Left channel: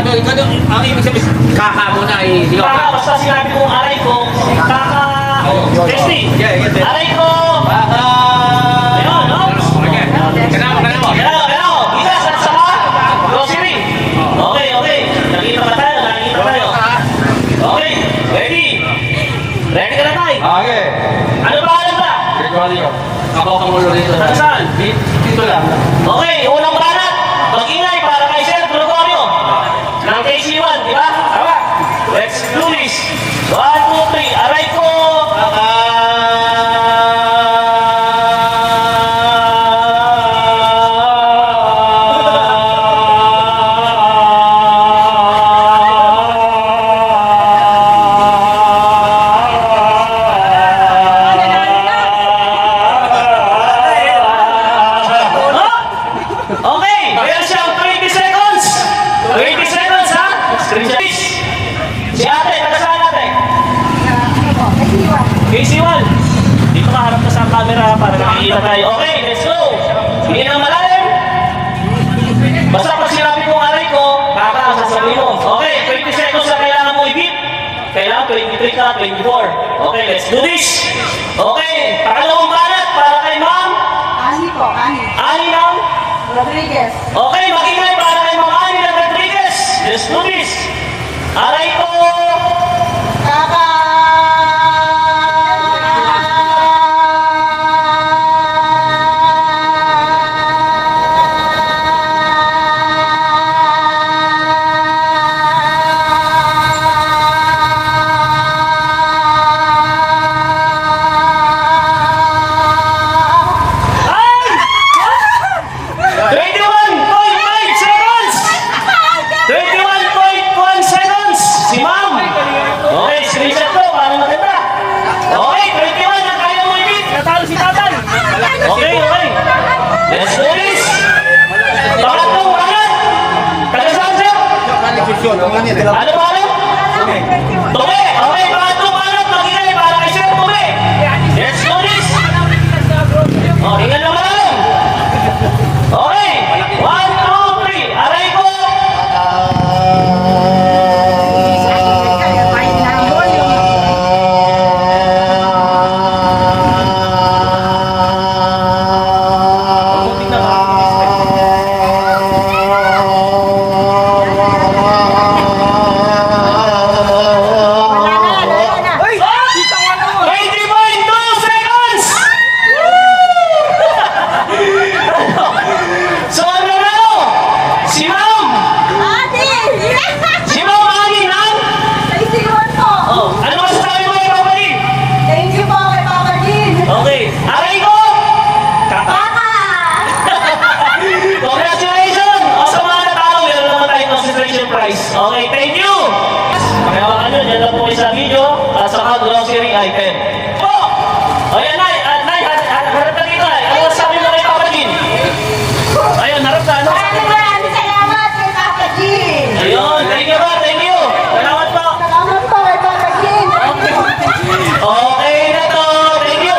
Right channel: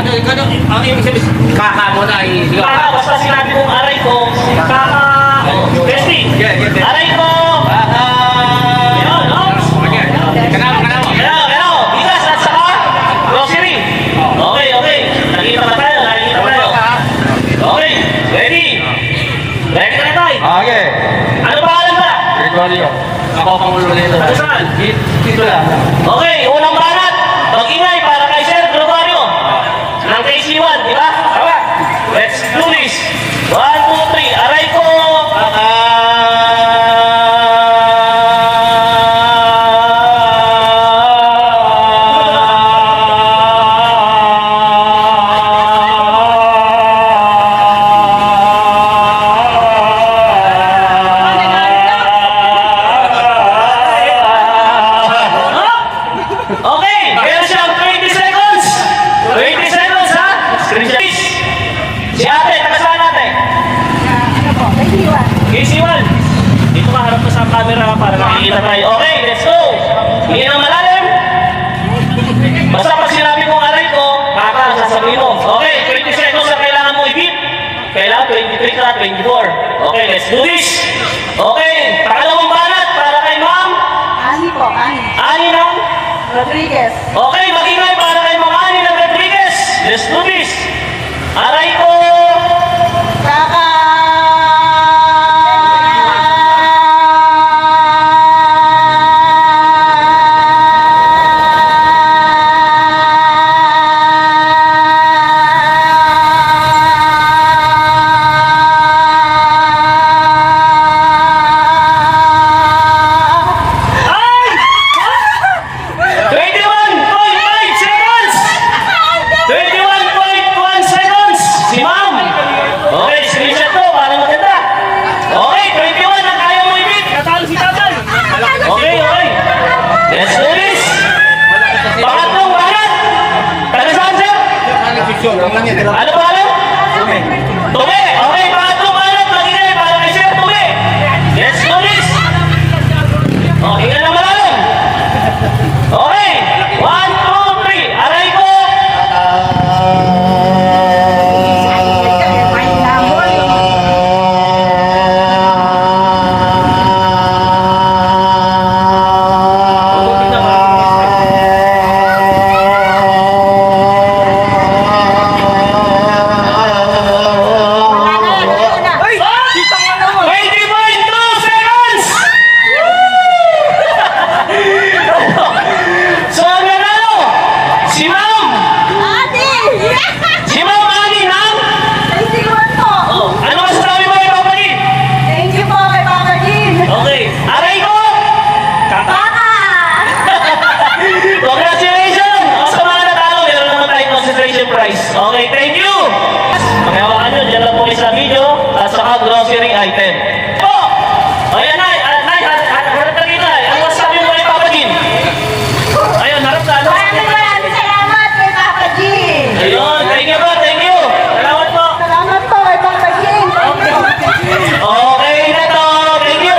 Ang ibig sabihin, kaka mo na ay... Kaka, basta sinabi kong aray ko, kaka... Besti! Aray ko! Kaka... Ayun, no? Kanamo. Kanamo! Bigas at saka grocery! Okay. Nakikita pa tayo. Okay, ready? Ready ka na tayo? Okay. Ano pangalan ba? Ako pangulo dito. Ano saan? Dito lang. Okay, unang banat. Mag-ingay para kay Sir Globario. Ng KC1, di ba? Tama. Let's do this. 1, 2, 3. Aray ko. Okay, meron siyang 20 seconds. 20 seconds, ha? Screenshot. Si ate, nakasama natin. KC1. Dito ka, harap na sa camera para nakikita tayo. Okay, let's go. Hindi na malalim. Basta pag sinabi kong aray ko, kaka, sasabihin mo. Okay, 20 seconds na kailangan mo i-beat. Kailangan 23 ka, 24. Okay, let's do this. Okay, pakalawang banat para kay ma'am. Ani ng Rodriguez. Okay, mag-ingay para kay Ma'am Ani ng Rodriguez. Let's do this. Aray ko. Kaka. Ay! 21.5 seconds! 21.1 seconds! Si Ma'am! Okay, screenshot to. Para maganda. Okay, 21 na kaya mo i-beat. Natalo si Tatay. Okay. Let's do this. Pangatlong banat. Taga-saan, sir? Ano ba alam? Tume! Okay, pangatlong banat. Mag-ingay para kay Sir Tume. Let's do this. Oh, tingnan naman alam. Okay. 1, 2, 3. Aray ko. Wala na. 20.2 seconds! So, ang nanalo, si Ma'am! Ate! Si Ma'am Ani ng... Oh, ano masasabi mo kay Papa G? Thank you po kay Papa Jean. Okay, aray ko! Kaka! Kaka! Congratulations! O, sa mga natalo, meron naman tayong consideration prize. Okay, thank you! Magawa nyo, dyan lang po kayo sa video at saka grocery item. Po! O yan, Nay! Nay, harap ka dito, Nay. Ano masasabi mo kay Papa Jean? Ayun, harap ka, ano? Maraming salamat kay Papa Jean. Ayun, thank you po, thank you! Salamat po! Salamat po kay Papa Jean. Okay na to, thank you!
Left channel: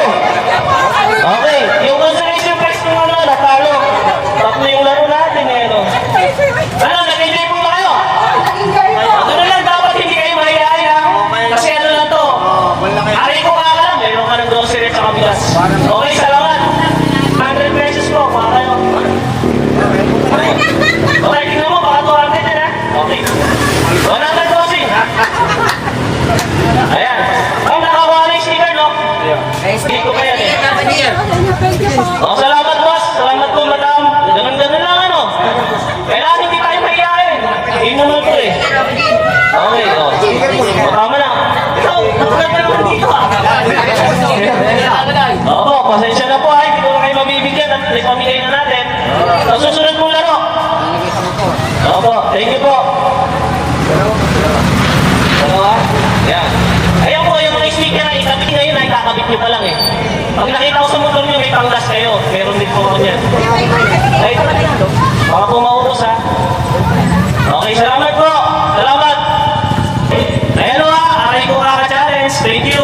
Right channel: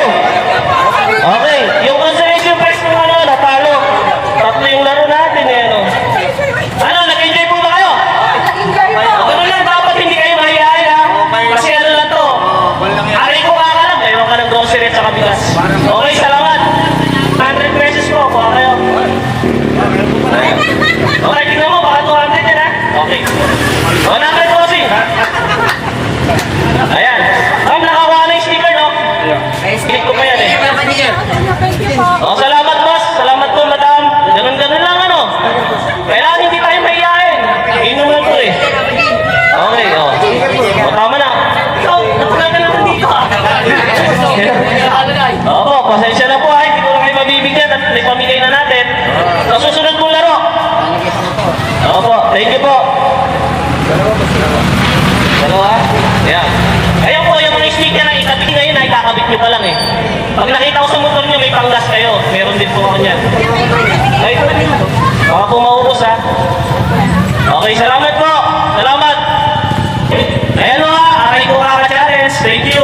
Okay, yung consolation prize mo ano, natalo. Tatlo yung laro natin eh, ano? Ano, nag-enjoy po ba kayo? Nag-enjoy po. O, ganun lang, dapat hindi kayo mahihain ha? Kasi ano lang to, aray ko ka lang, mayroon ka ng grocery at saka bigas. Okay, salamat! 100 pesos po, para kayo. Okay, tingnan mo, baka 200 yan ha? Okay. 100 bossing! Ayan. Ay, nakawa na yung sticker, no? Hindi ko kaya eh. Thank you po. Oh, salamat boss. Salamat po madam. Ganun lang ano. Kailangan hindi tayo mahihain. Hindi naman ito eh. Okay, oh. O, tama na. Ikaw, nakuha ka naman dito ah. Opo, pasensya na po ay. Hindi ko na kayo mabibigyan at ipamigay na natin. So, susunod mo laro. Opo, thank you po. Dalawa? Yeah. Ayan po, yung mga sticker na ikabit ngayon ay kakabit nyo pa lang eh. Pag nakita ko sa motor nyo, may panglas kayo. Meron din po ako niyan. Ay, baka po maubos ha. Okay, salamat po. Salamat. Ayan o ha, aray ko kaka-challenge. Thank you.